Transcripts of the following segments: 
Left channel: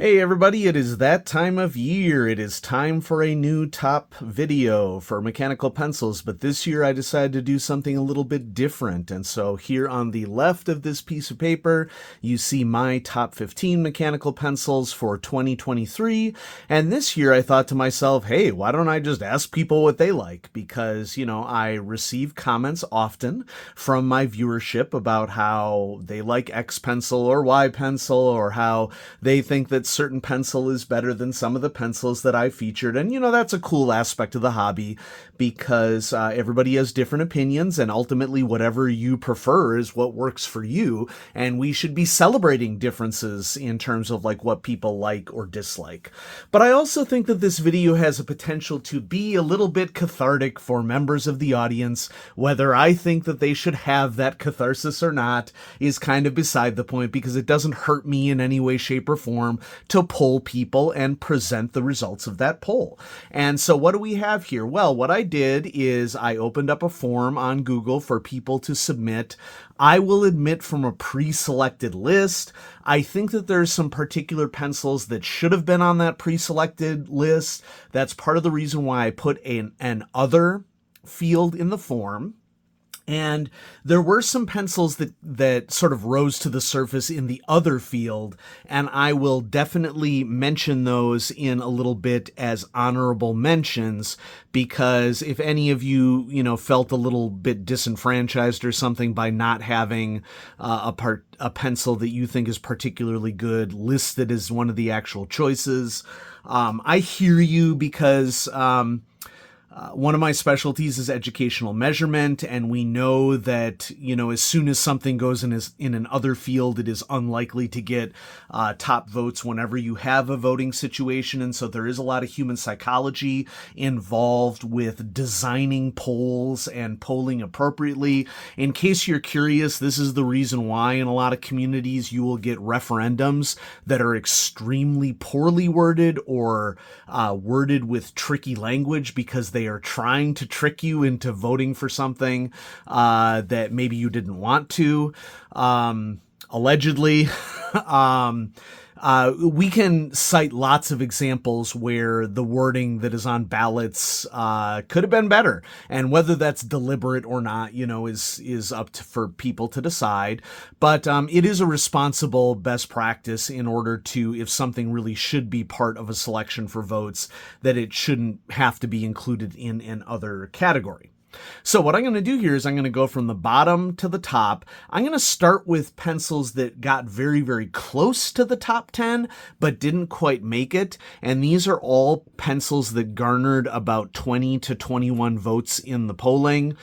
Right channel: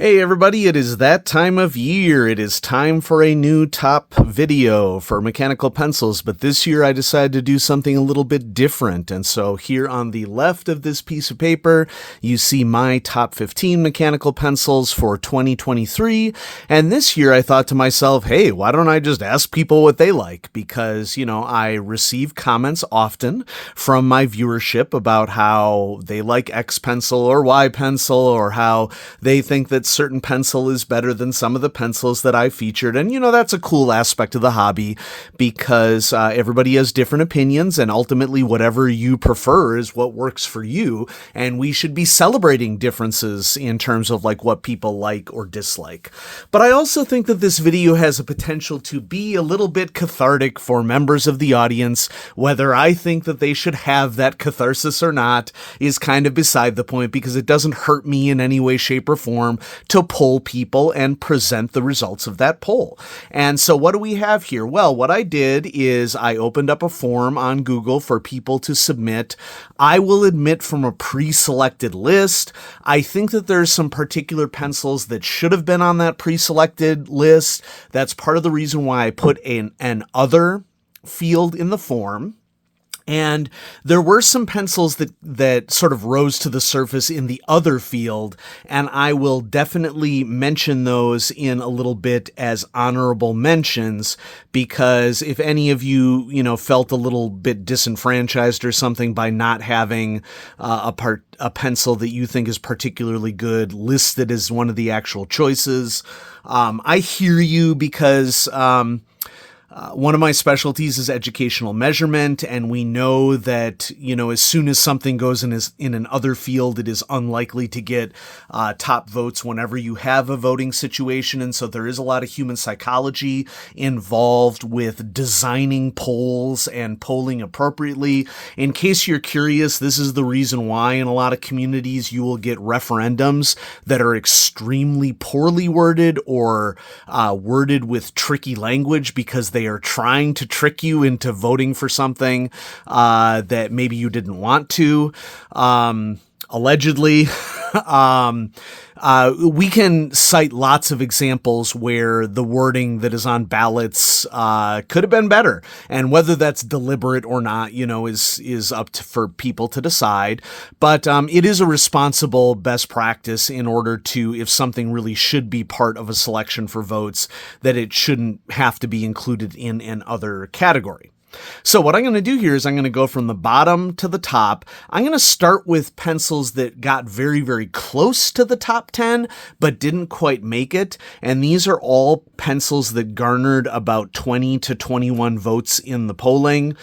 Hey everybody, it is that time of year. It is time for a new top video for mechanical pencils, but this year I decided to do something a little bit different. And so here on the left of this piece of paper, you see my top 15 mechanical pencils for 2023. And this year I thought to myself, hey, why don't I just ask people what they like? Because, I receive comments often from my viewership about how they like X pencil or Y pencil, or how they think that certain pencil is better than some of the pencils that I featured. And, that's a cool aspect of the hobby because everybody has different opinions, and ultimately whatever you prefer is what works for you. And we should be celebrating differences in terms of like what people like or dislike. But I also think that this video has a potential to be a little bit cathartic for members of the audience. Whether I think that they should have that catharsis or not is kind of beside the point, because it doesn't hurt me in any way, shape, or form to poll people and present the results of that poll. And so what do we have here? Well, what I did is I opened up a form on Google for people to submit. I will admit, from a pre-selected list. I think that there's some particular pencils that should have been on that pre-selected list. That's part of the reason why I put an other field in the form. And there were some pencils that sort of rose to the surface in the other field, and I will definitely mention those in a little bit as honorable mentions, because if any of you, felt a little bit disenfranchised or something by not having a pencil that you think is particularly good listed as one of the actual choices, I hear you, because one of my specialties is educational measurement, and we know that, as soon as something goes in an other field, it is unlikely to get top votes whenever you have a voting situation. And so there is a lot of human psychology involved with designing polls and polling appropriately. In case you're curious, this is the reason why in a lot of communities you will get referendums that are extremely poorly worded or worded with tricky language, because they are trying to trick you into voting for something that maybe you didn't want to, allegedly. We can cite lots of examples where the wording that is on ballots could have been better, and whether that's deliberate or not, is up for people to decide. But it is a responsible best practice in order to, if something really should be part of a selection for votes, that it shouldn't have to be included in an other category. So what I'm going to do here is I'm going to go from the bottom to the top. I'm going to start with pencils that got very, very close to the top 10, but didn't quite make it. And these are all pencils that garnered about 20 to 21 votes in the polling.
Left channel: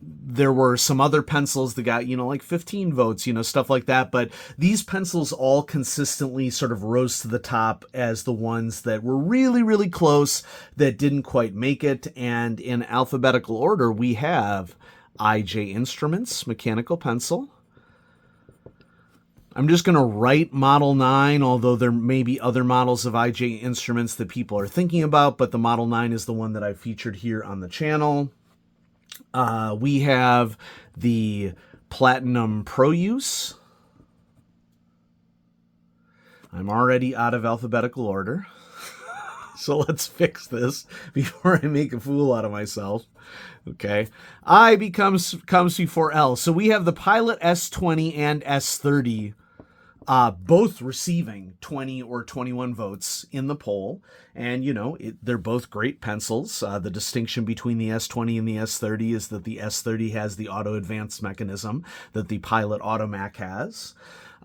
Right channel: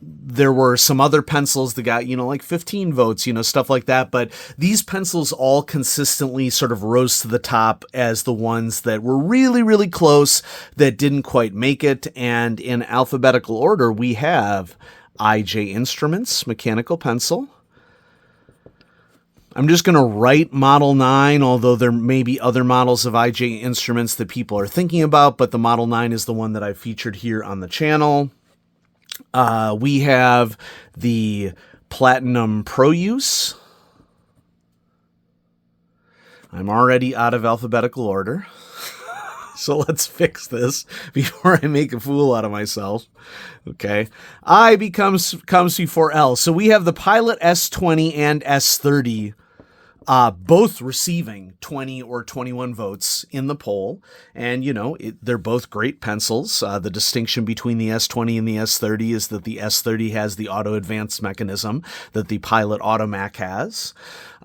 There were some other pencils that got, like 15 votes, stuff like that. But these pencils all consistently sort of rose to the top as the ones that were really, really close that didn't quite make it. And in alphabetical order, we have IJ Instruments mechanical pencil. I'm just going to write Model 9, although there may be other models of IJ Instruments that people are thinking about, but the Model 9 is the one that I featured here on the channel. We have the Platinum Pro Use. I'm already out of alphabetical order. So let's fix this before I make a fool out of myself. Okay. I comes before L. So we have the Pilot S20 and S30, both receiving 20 or 21 votes in the poll. And, they're both great pencils. The distinction between the S20 and the S30 is that the S30 has the auto advance mechanism that the Pilot Automac has.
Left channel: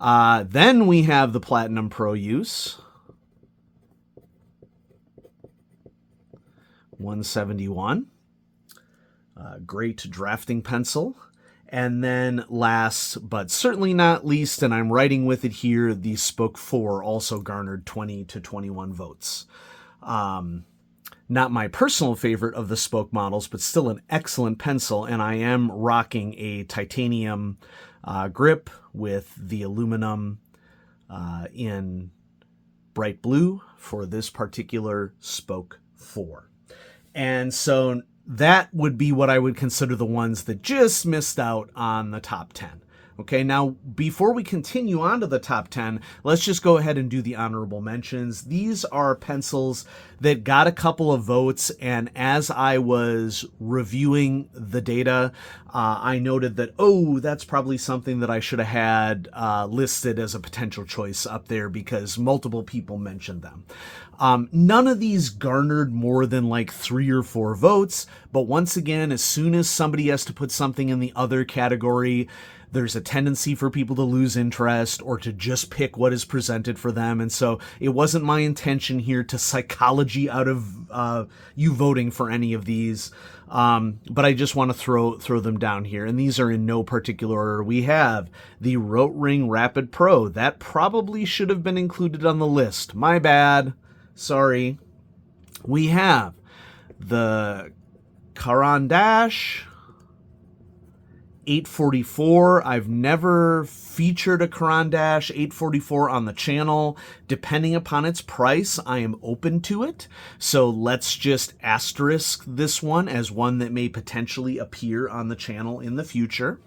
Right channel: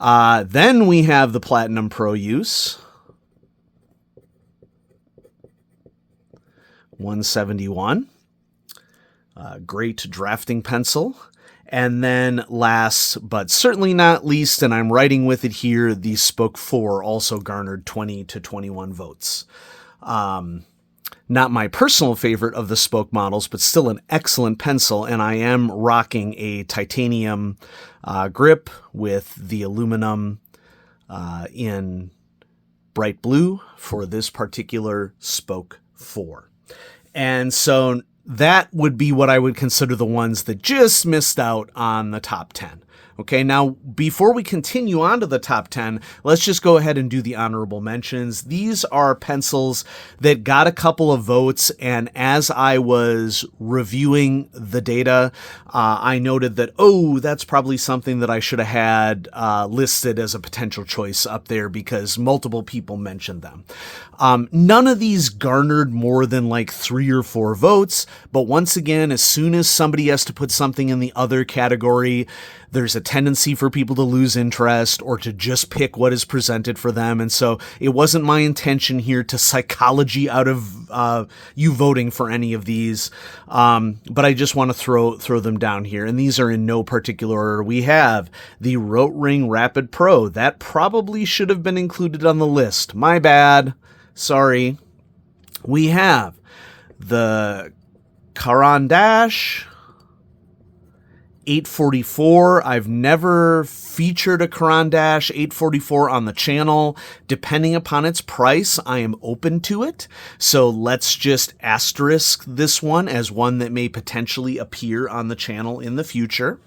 Then we have the Platinum Pro Use. 171. Great drafting pencil. And then last, but certainly not least, and I'm writing with it here, the Spoke 4 also garnered 20 to 21 votes. Not my personal favorite of the Spoke models, but still an excellent pencil. And I am rocking a titanium grip with the aluminum in bright blue for this particular Spoke 4. And so that would be what I would consider the ones that just missed out on the top 10. Okay, now before we continue on to the top 10, let's just go ahead and do the honorable mentions. These are pencils that got a couple of votes, and as I was reviewing the data, I noted that, oh, that's probably something that I should have had listed as a potential choice up there because multiple people mentioned them. None of these garnered more than like 3 or 4 votes, but once again, as soon as somebody has to put something in the other category, there's a tendency for people to lose interest or to just pick what is presented for them. And so it wasn't my intention here to psychology out of you voting for any of these. But I just want to throw them down here. And these are in no particular order. We have the Rotring Rapid Pro. That probably should have been included on the list. My bad. Sorry. We have the Caran d'Ache 844. I've never featured a Caran d'Ache 844 on the channel. Depending upon its price, I am open to it. So let's just asterisk this one as one that may potentially appear on the channel in the future.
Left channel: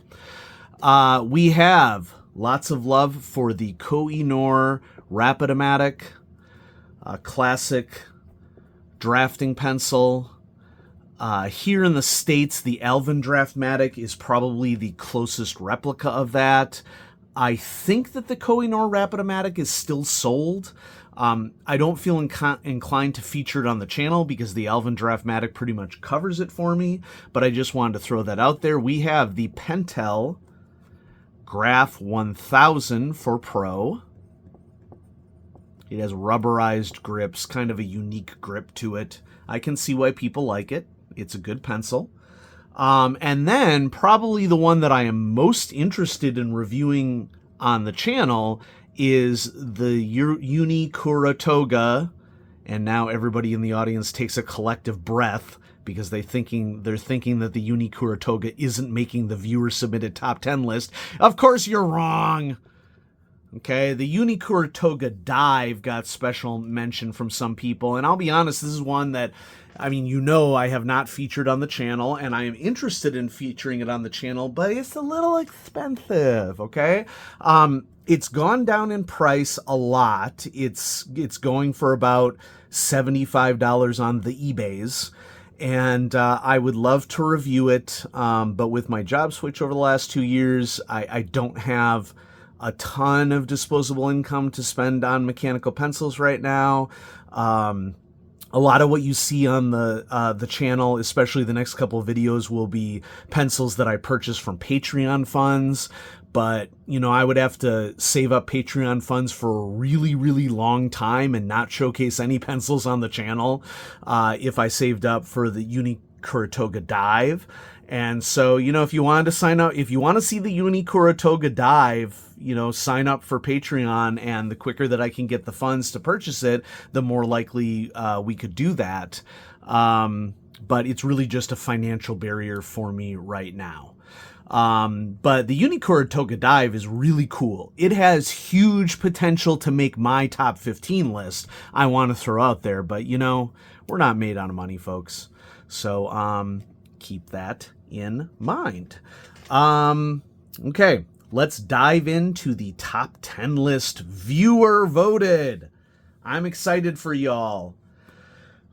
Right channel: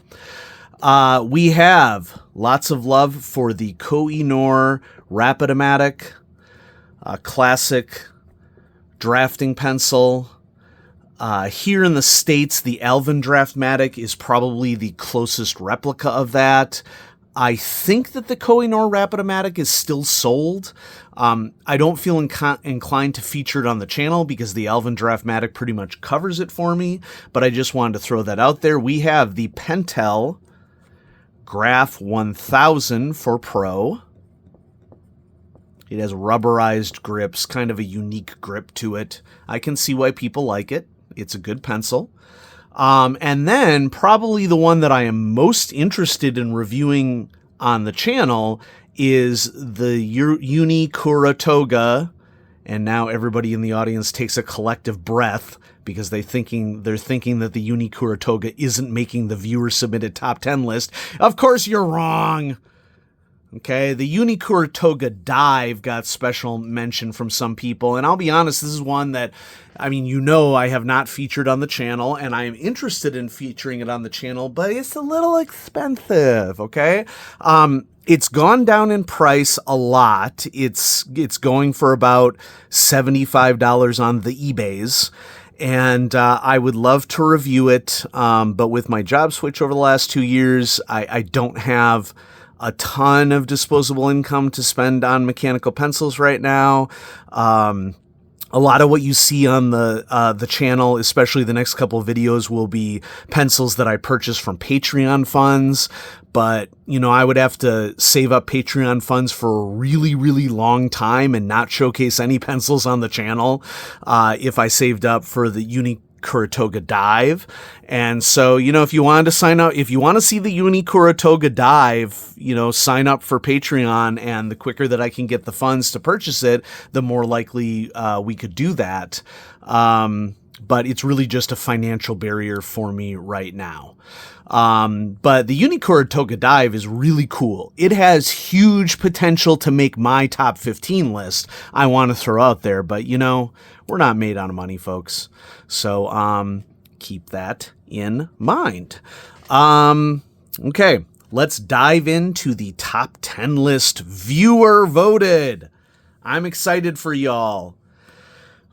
We have lots of love for the Koh-i-Noor Rapidomatic, classic drafting pencil. Here in the States, the Alvin Draftmatic is probably the closest replica of that. I think that the Koh-i-Noor Rapidomatic is still sold. I don't feel inclined to feature it on the channel because the Alvin Draftmatic pretty much covers it for me, but I just wanted to throw that out there. We have the Pentel Graph 1000 for Pro. It has rubberized grips, kind of a unique grip to it. I can see why people like it. It's a good pencil. And then probably the one that I am most interested in reviewing on the channel is the Uni Kuratoga. And now everybody in the audience takes a collective breath because they're thinking that the Uni Kuratoga isn't making the viewer submitted top 10 list. Of course you're wrong. Okay, the Uni Kuratoga Dive got special mention from some people, and I'll be honest, this is one that, I mean, I have not featured on the channel, and I am interested in featuring it on the channel, but it's a little expensive, okay? It's gone down in price a lot. It's going for about $75 on the eBays, and I would love to review it, but with my job switch over the last 2 years, I don't have a ton of disposable income to spend on mechanical pencils right now. A lot of what you see on the channel, especially the next couple of videos, will be pencils that I purchased from Patreon funds. But, I would have to save up Patreon funds for a really, really long time and not showcase any pencils on the channel if I saved up for the Uni Kuratoga Dive. And so, if you wanted to sign up, if you want to see the Uni Kuratoga Dive, sign up for Patreon, and the quicker that I can get the funds to purchase it, the more likely we could do that. But it's really just a financial barrier for me right now. But the Uni Kuratoga Dive is really cool. It has huge potential to make my top 15 list. I want to throw out there, but we're not made out of money, folks. So, keep that in mind. Okay, let's dive into the top 10 list, viewer voted. I'm excited for y'all.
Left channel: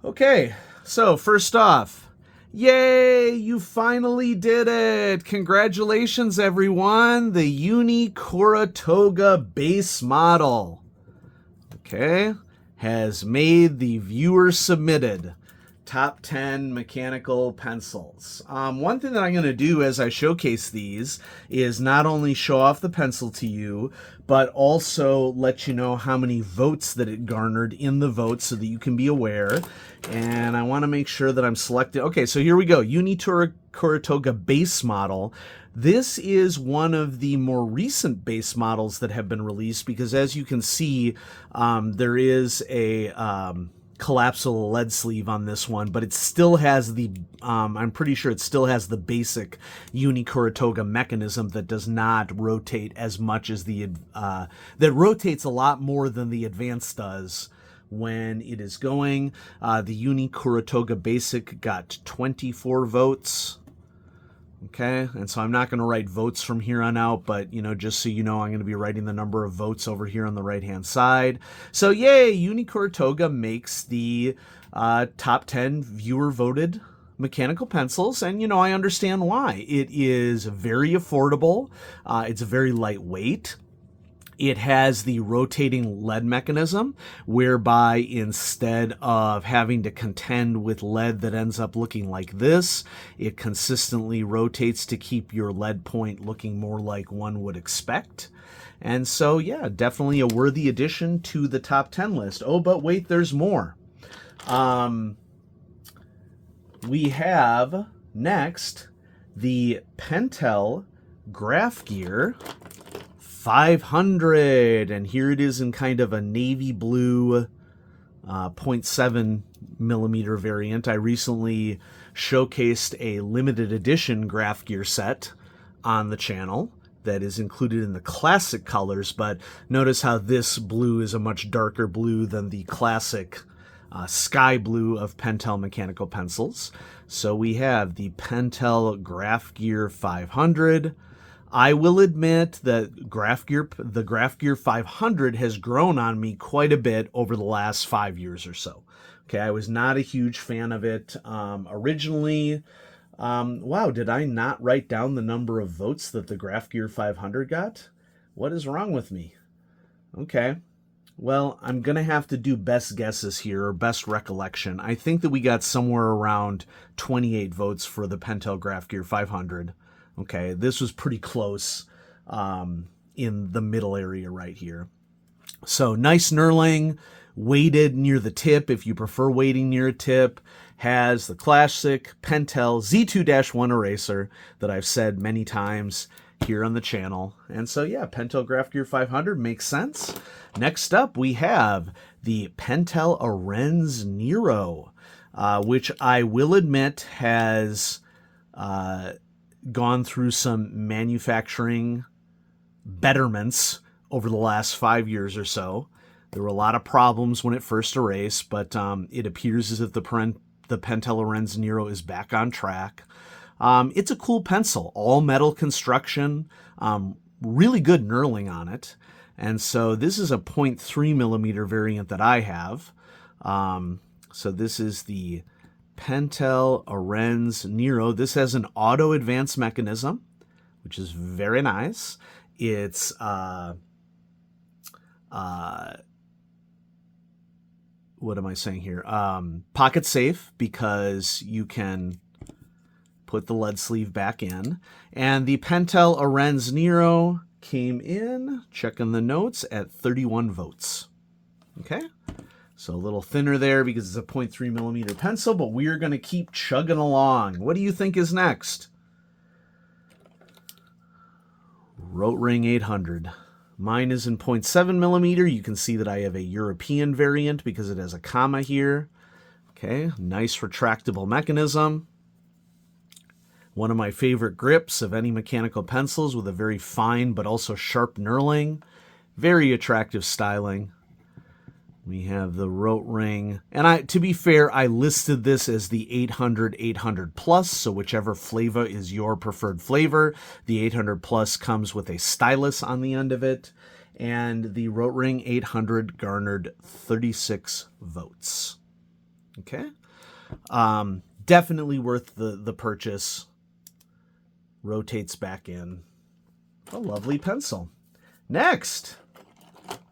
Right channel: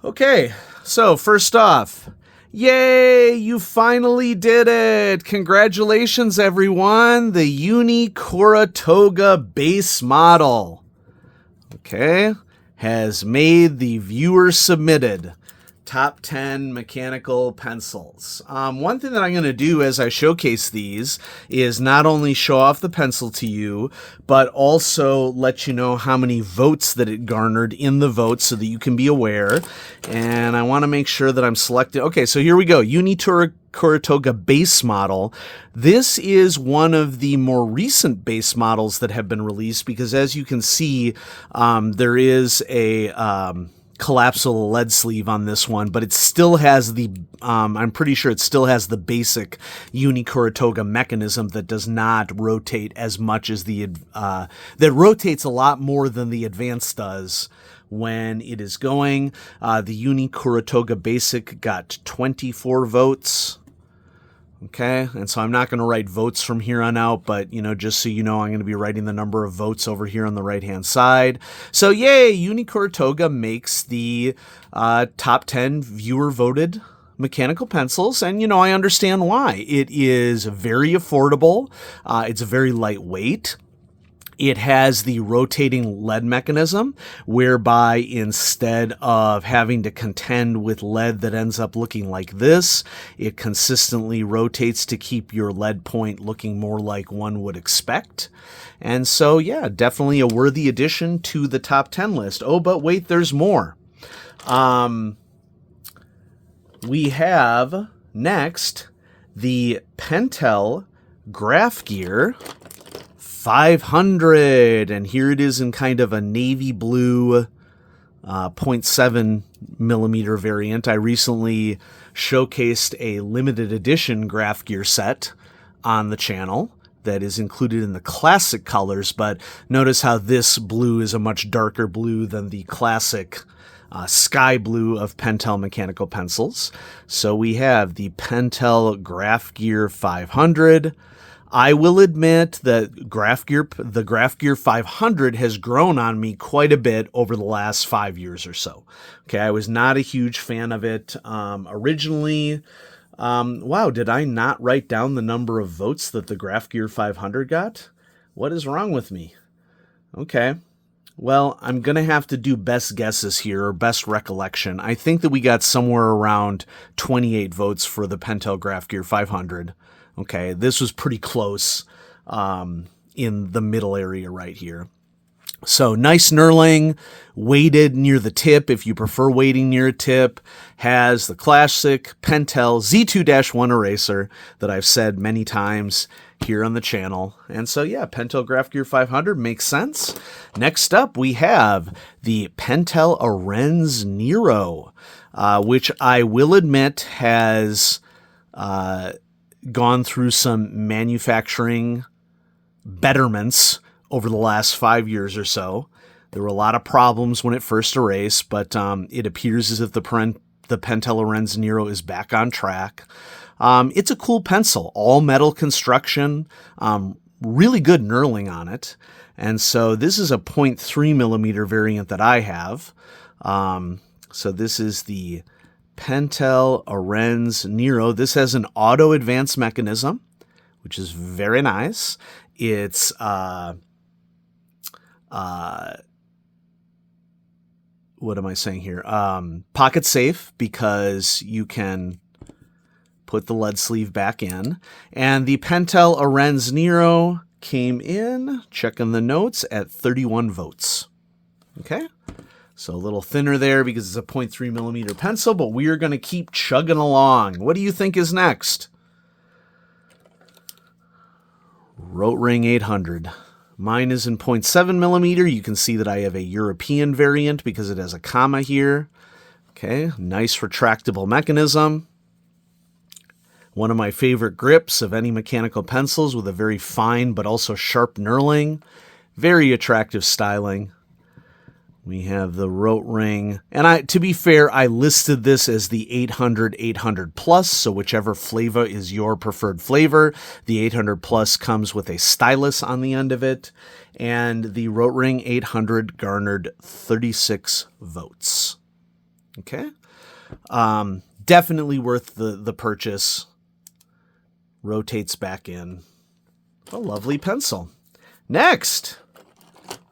Okay, so first off, yay, you finally did it. Congratulations, everyone. The Uni Kuratoga base model, okay, has made the viewer submitted top 10 mechanical pencils. One thing that I'm going to do as I showcase these is not only show off the pencil to you, but also let you know how many votes that it garnered in the votes so that you can be aware. And I want to make sure that I'm selected. Okay, so here we go. Uni Kuratoga base model. This is one of the more recent base models that have been released because, as you can see, there is a collapsible lead sleeve on this one, but it still has the I'm pretty sure it still has the basic Uni Kuratoga mechanism that does not rotate as much as the that rotates a lot more than the advanced does when it is going. The Uni Kuratoga basic got 24 votes. Okay, and so I'm not going to write votes from here on out, but, just so you know, I'm going to be writing the number of votes over here on the right-hand side. So, yay, Unicorn Toga makes the top 10 viewer-voted mechanical pencils, and, I understand why. It is very affordable. It's very lightweight. It has the rotating lead mechanism, whereby instead of having to contend with lead that ends up looking like this, it consistently rotates to keep your lead point looking more like one would expect. And so, yeah, definitely a worthy addition to the top 10 list. Oh, but wait, there's more. We have next the Pentel Graph Gear 500, and here it is in kind of a navy blue 0.7 millimeter variant. I recently showcased a limited edition Graph Gear set on the channel that is included in the classic colors, but notice how this blue is a much darker blue than the classic sky blue of Pentel mechanical pencils. So we have the Pentel Graph Gear 500. I will admit that the Graph Gear 500 has grown on me quite a bit over the last 5 years or so. Okay, I was not a huge fan of it originally. Wow, did I not write down the number of votes that the Graph Gear 500 got? What is wrong with me? Okay, well, I'm going to have to do best guesses here, or best recollection. I think that we got somewhere around 28 votes for the Pentel Graph Gear 500. Okay, this was pretty close in the middle area right here. So nice knurling, weighted near the tip if you prefer weighting near a tip. Has the classic Pentel Z2-1 eraser that I've said many times here on the channel. And so, yeah, Pentel Graph Gear 500 makes sense. Next up, we have the Pentel Arenz Nero, which I will admit has gone through some manufacturing betterments over the last 5 years or so. There were a lot of problems when it first erased, but it appears as if the Pentel Arenz Nero is back on track. It's a cool pencil, all metal construction, really good knurling on it. And so this is a 0.3 millimeter variant that I have. So this is the Pentel Arenz Nero. This has an auto advance mechanism, which is very nice. It's what am I saying here? Pocket safe, because you can put the lead sleeve back in. And the Pentel Arenz Nero came in, checking the notes, at 31 votes. Okay? So a little thinner there because it's a 0.3 millimeter pencil, but we are going to keep chugging along. What do you think is next? Rotring 800. Mine is in 0.7 millimeter. You can see that I have a European variant because it has a comma here. Okay, nice retractable mechanism. One of my favorite grips of any mechanical pencils, with a very fine but also sharp knurling. Very attractive styling. We have the Rotring, and to be fair, I listed this as the 800 Plus, so whichever flavor is your preferred flavor. The 800 Plus comes with a stylus on the end of it, and the Rotring 800 garnered 36 votes. Okay, definitely worth the purchase. Rotates back in. A lovely pencil. Next,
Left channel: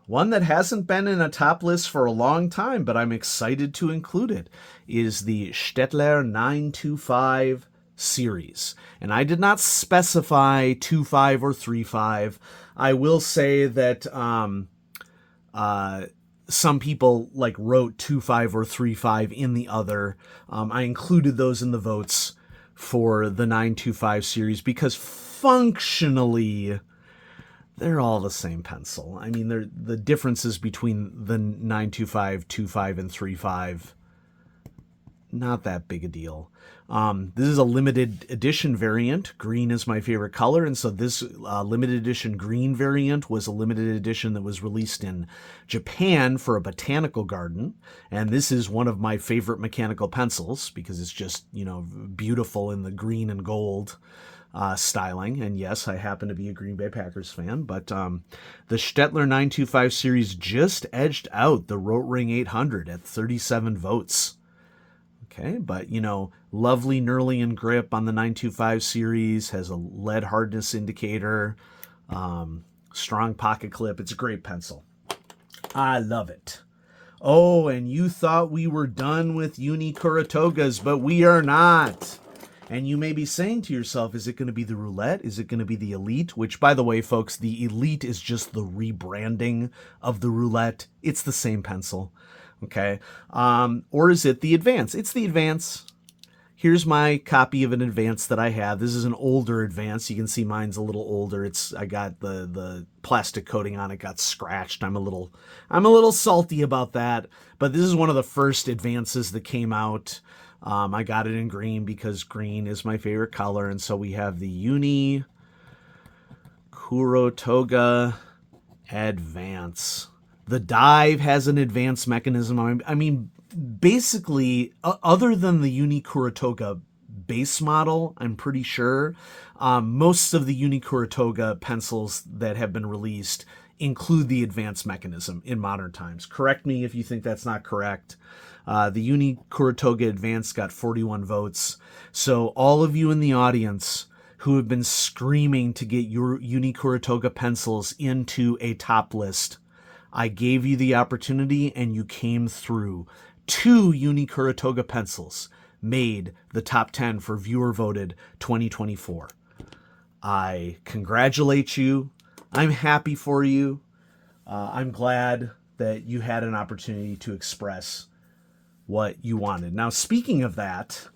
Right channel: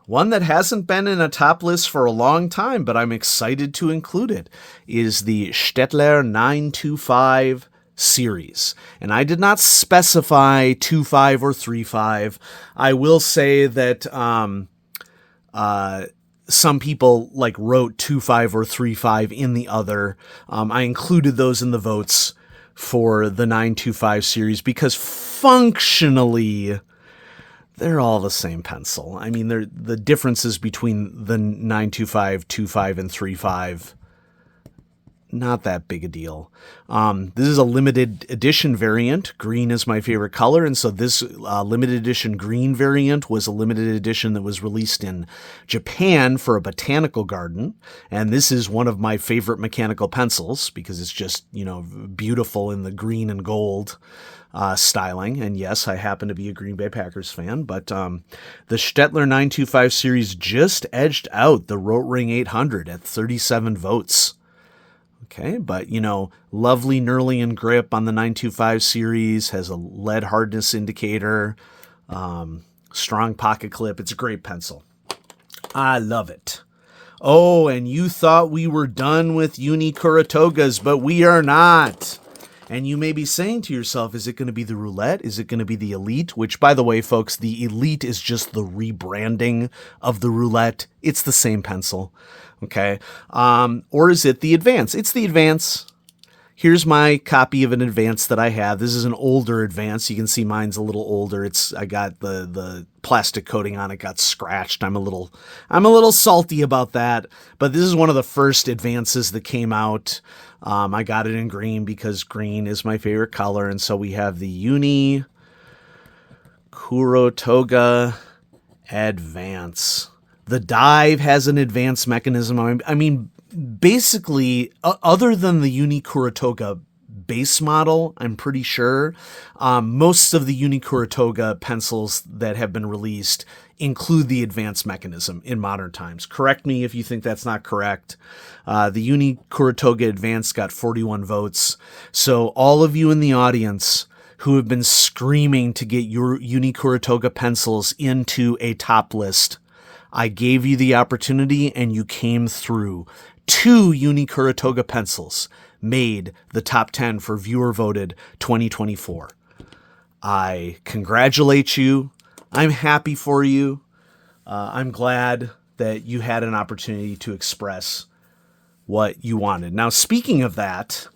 one that hasn't been in a top list for a long time, but I'm excited to include it, is the Staedtler 925 series. And I did not specify 2.5 or 3.5. I will say that some people wrote 2.5 or 3.5 in the other. I included those in the votes for the 925 series because functionally they're all the same pencil. I mean, the differences between the 925, 2.5, and 3.5, not that big a deal. This is a limited edition variant. Green is my favorite color, and so this limited edition green variant was a limited edition that was released in Japan for a botanical garden, and this is one of my favorite mechanical pencils because it's just, beautiful in the green and gold. styling. And yes, I happen to be a Green Bay Packers fan, but the Stettler 925 series just edged out the Rotring 800 at 37 votes. Okay, but lovely Nerlian grip on the 925 series, has a lead hardness indicator, strong pocket clip. It's a great pencil. I love it. Oh, and you thought we were done with Uni Kuratogas, but we are not. And you may be saying to yourself, is it going to be the Roulette? Is it going to be the Elite? Which, by the way, folks, the Elite is just the rebranding of the Roulette. It's the same pencil. Okay. Or is it the Advance? It's the Advance. Here's my copy of an Advance that I have. This is an older Advance. You can see mine's a little older. I got the plastic coating on it got scratched. I'm a little salty about that. But this is one of the first Advances that came out. I got it in green because green is my favorite color. And so we have the Uni Kurotoga Advance. The dive has an advanced mechanism. I mean, basically, other than the Uni Kuratoga base model, I'm pretty sure, most of the Uni Kuratoga pencils that have been released include the advanced mechanism in modern times. Correct me if you think that's not correct. The Uni Kuratoga Advance got 41 votes. So all of you in the audience who have been screaming to get your Uni Kuratoga pencils into a top list, I gave you the opportunity and you came through. 2 Uni Kuratoga pencils made the top 10 for viewer voted 2024. I congratulate you. I'm happy for you. I'm glad that you had an opportunity to express what you wanted. Now, speaking of that,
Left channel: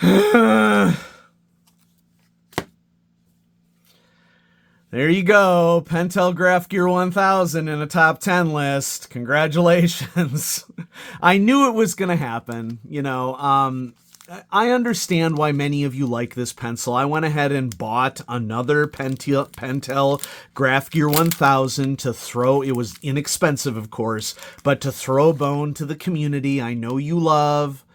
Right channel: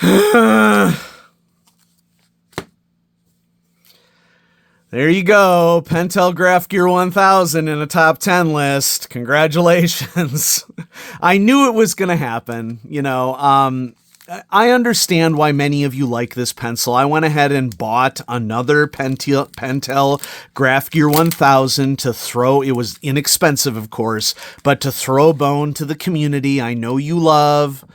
there you go. Pentel Graph Gear 1000 in a top 10 list. Congratulations. I knew it was going to happen. I understand why many of you like this pencil. I went ahead and bought another Pentel Graph Gear 1000 to throw. It was inexpensive, of course, but to throw a bone to the community. I know you love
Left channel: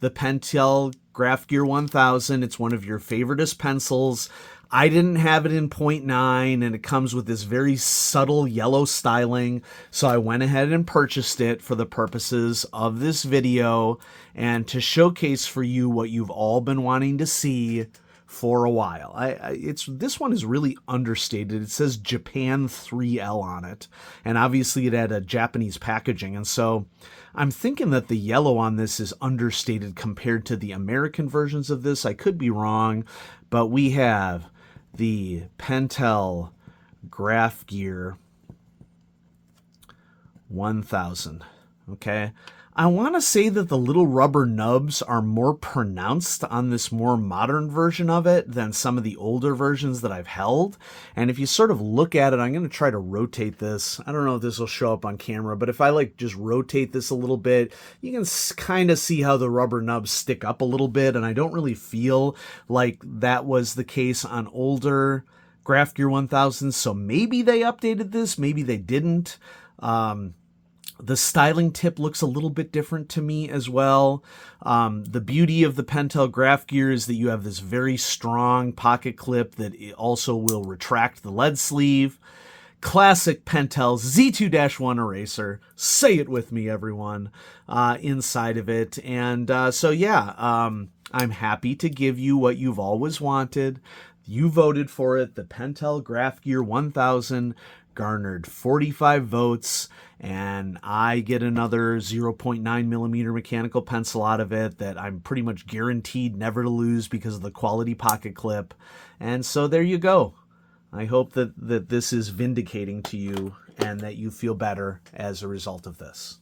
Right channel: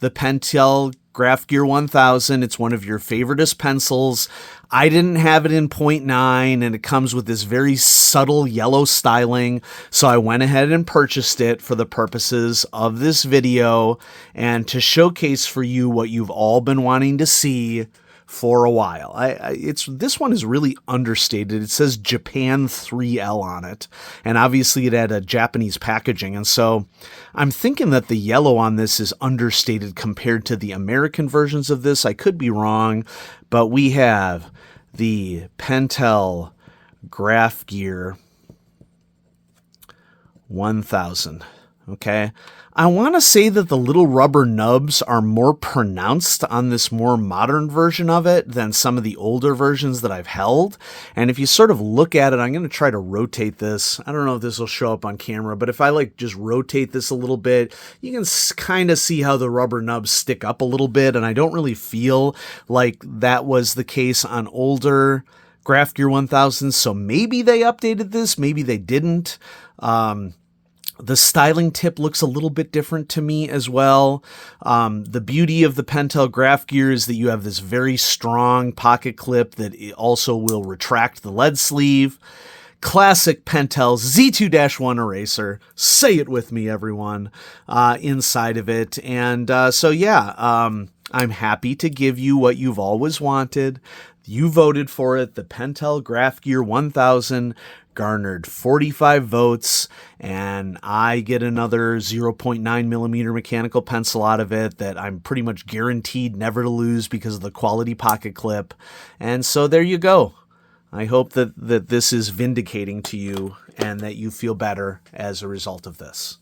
the Pentel Graph Gear 1000. It's one of your favoriteest pencils. I didn't have it in 0.9, and it comes with this very subtle yellow styling, so I went ahead and purchased it for the purposes of this video and to showcase for you what you've all been wanting to see for a while. This one is really understated. It says Japan 3L on it, and obviously it had a Japanese packaging, and so I'm thinking that the yellow on this is understated compared to the American versions of this. I could be wrong, but we have the Pentel Graph Gear 1000. Okay. I want to say that the little rubber nubs are more pronounced on this more modern version of it than some of the older versions that I've held. And if you sort of look at it, I'm going to try to rotate this. I don't know if this will show up on camera, but if I just rotate this a little bit, you can kind of see how the rubber nubs stick up a little bit. And I don't really feel like that was the case on older Graph Gear 1000. So maybe they updated this, maybe they didn't. The styling tip looks a little bit different to me as well. The beauty of the Pentel Graph Gear is that you have this very strong pocket clip that also will retract the lead sleeve. Classic Pentel Z2-1 eraser. Say it with me, everyone, inside of it. And I'm happy to give you what you've always wanted. You voted for it. The Pentel Graph Gear 1000 garnered 45 votes, and I get another 0.9 millimeter mechanical pencil out of it that I'm pretty much guaranteed never to lose because of the quality pocket clip. And so there you go. I hope that this is vindicating to you and that you feel better as a result of this.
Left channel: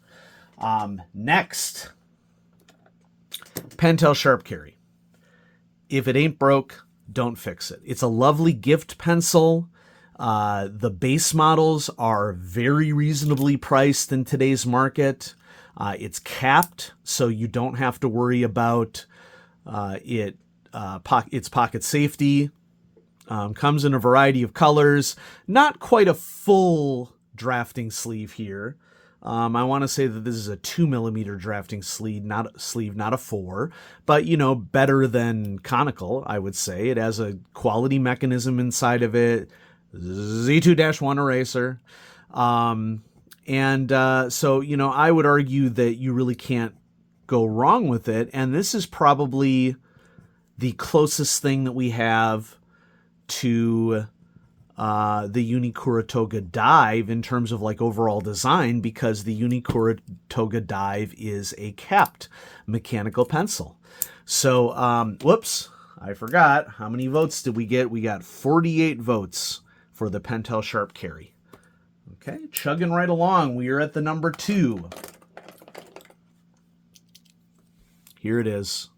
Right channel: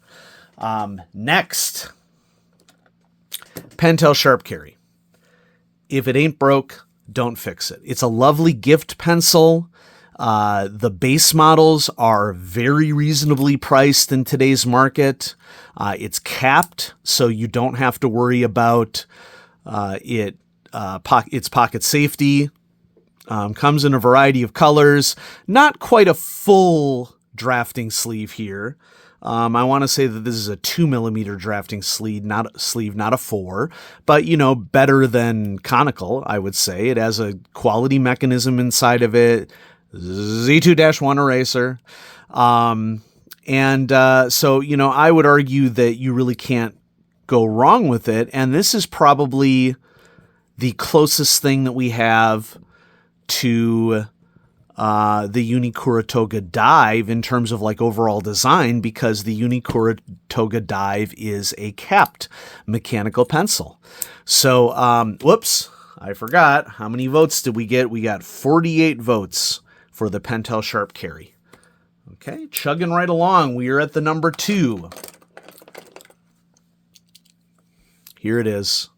Next, Pentel Sharp Carry. If it ain't broke, don't fix it. It's a lovely gift pencil. The base models are very reasonably priced in today's market. It's capped, so you don't have to worry about its pocket safety. Comes in a variety of colors. Not quite a full drafting sleeve here. I want to say that this is a 2mm drafting sleeve, not a 4, but better than conical, I would say. It has a quality mechanism inside of it, Z2-1 eraser. So, I would argue that you really can't go wrong with it. And this is probably the closest thing that we have to the Unikuratoga Dive in terms of like overall design, because the Unikuratoga Dive is a capped mechanical pencil. So, whoops, I forgot. How many votes did we get? We got 48 votes for the Pentel Sharp Carry. Okay, chugging right along. We are at the number 2. Here it is.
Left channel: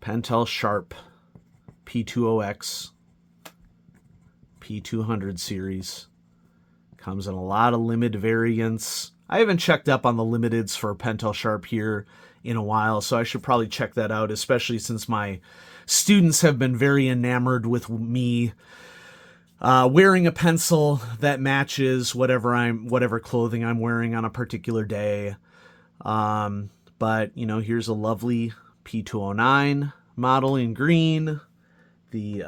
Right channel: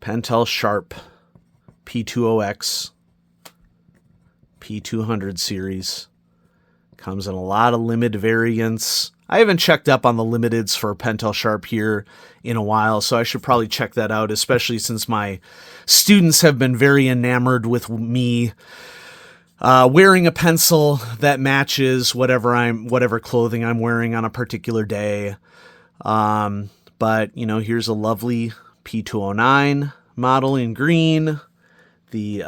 Pentel Sharp P20X P200 series. Comes in a lot of limited variants. I haven't checked up on the limiteds for Pentel Sharp here in a while, so I should probably check that out, especially since my students have been very enamored with me wearing a pencil that matches whatever clothing I'm wearing on a particular day. But here's a lovely P209 model in green. The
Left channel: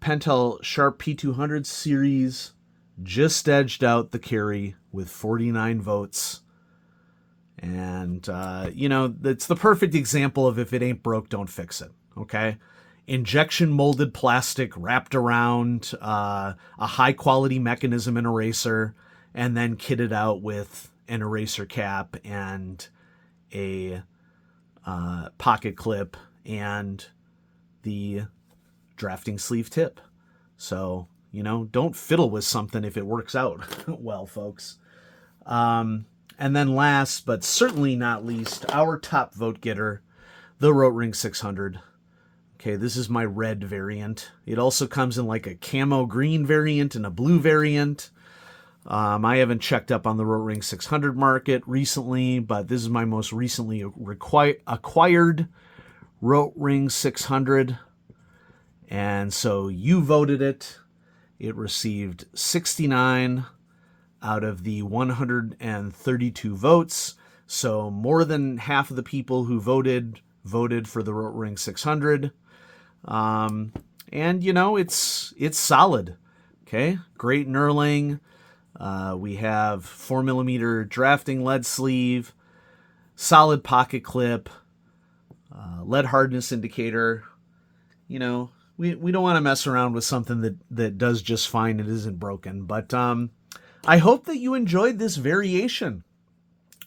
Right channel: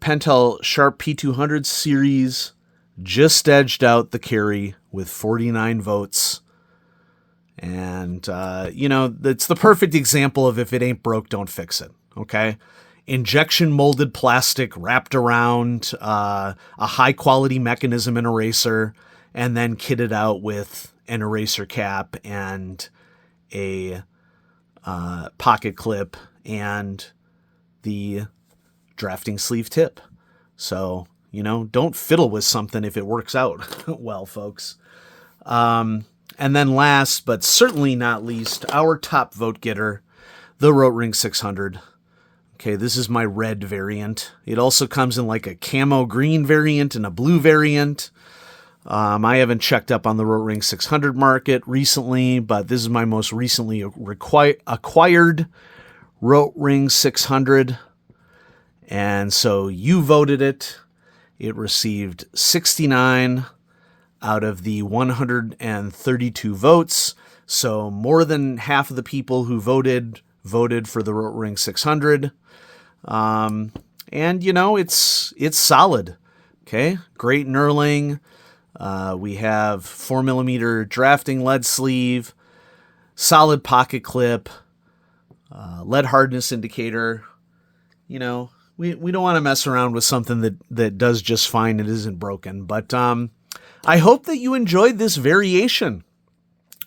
Pentel Sharp P200 series just edged out the carry with 49 votes. And, it's the perfect example of if it ain't broke, don't fix it. Okay? Injection molded plastic wrapped around a high quality mechanism and eraser, and then kitted out with an eraser cap and a pocket clip and the drafting sleeve tip. So, don't fiddle with something if it works out well, folks. And then last, but certainly not least, our top vote getter, the Rotring 600. Okay, this is my red variant. It also comes in like a camo green variant and a blue variant. I haven't checked up on the Rotring 600 market recently, but this is my most recently acquired Rotring 600. And so you voted it. It received 69 out of the 132 votes. So more than half of the people who voted for the Rotring 600. And it's solid. Okay, great knurling. We have 4mm drafting lead sleeve, solid pocket clip, lead hardness indicator. We don't want to mess around with something that does just fine. It isn't broken. But I hope that you enjoyed this variation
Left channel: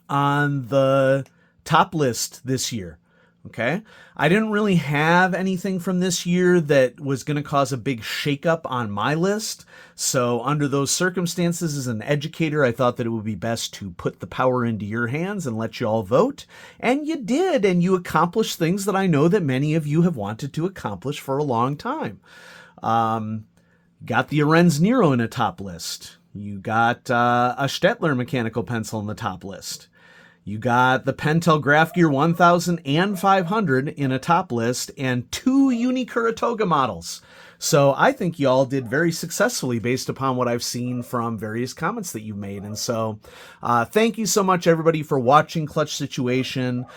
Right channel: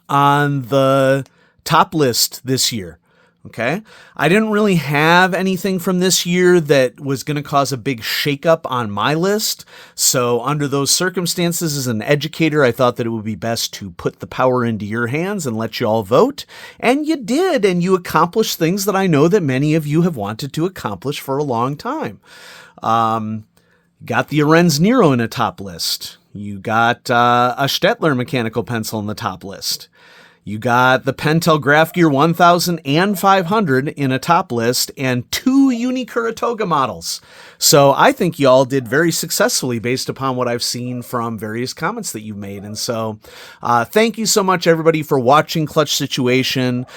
on the top list this year. Okay, I didn't really have anything from this year that was going to cause a big shakeup on my list. So under those circumstances, as an educator, I thought that it would be best to put the power into your hands and let you all vote. And you did, and you accomplished things that I know that many of you have wanted to accomplish for a long time. Got the Arenz Nero in a top list. You got a Stettler mechanical pencil in the top list. You got the Pentel Graph Gear 1000 and 500 in a top list, and 2 Unikuratoga models. So I think y'all did very successfully based upon what I've seen from various comments that you've made. And so thank you so much, everybody, for watching Clutch Situation.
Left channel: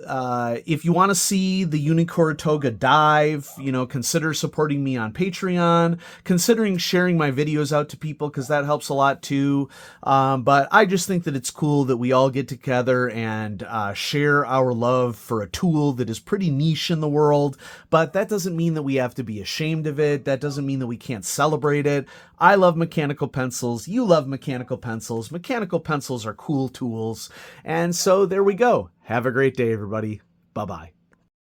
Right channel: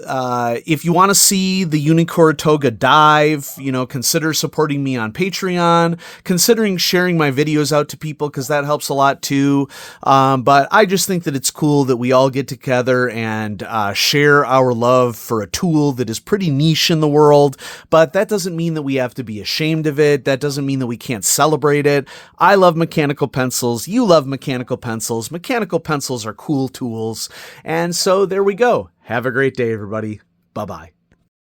If you want to see the Unikuratoga dive, consider supporting me on Patreon, considering sharing my videos out to people, because that helps a lot too. But I just think that it's cool that we all get together and share our love for a tool that is pretty niche in the world. But that doesn't mean that we have to be ashamed of it. That doesn't mean that we can't celebrate it. I love mechanical pencils. You love mechanical pencils. Mechanical pencils are cool tools. And so there we go. Have a great day, everybody. Bye-bye.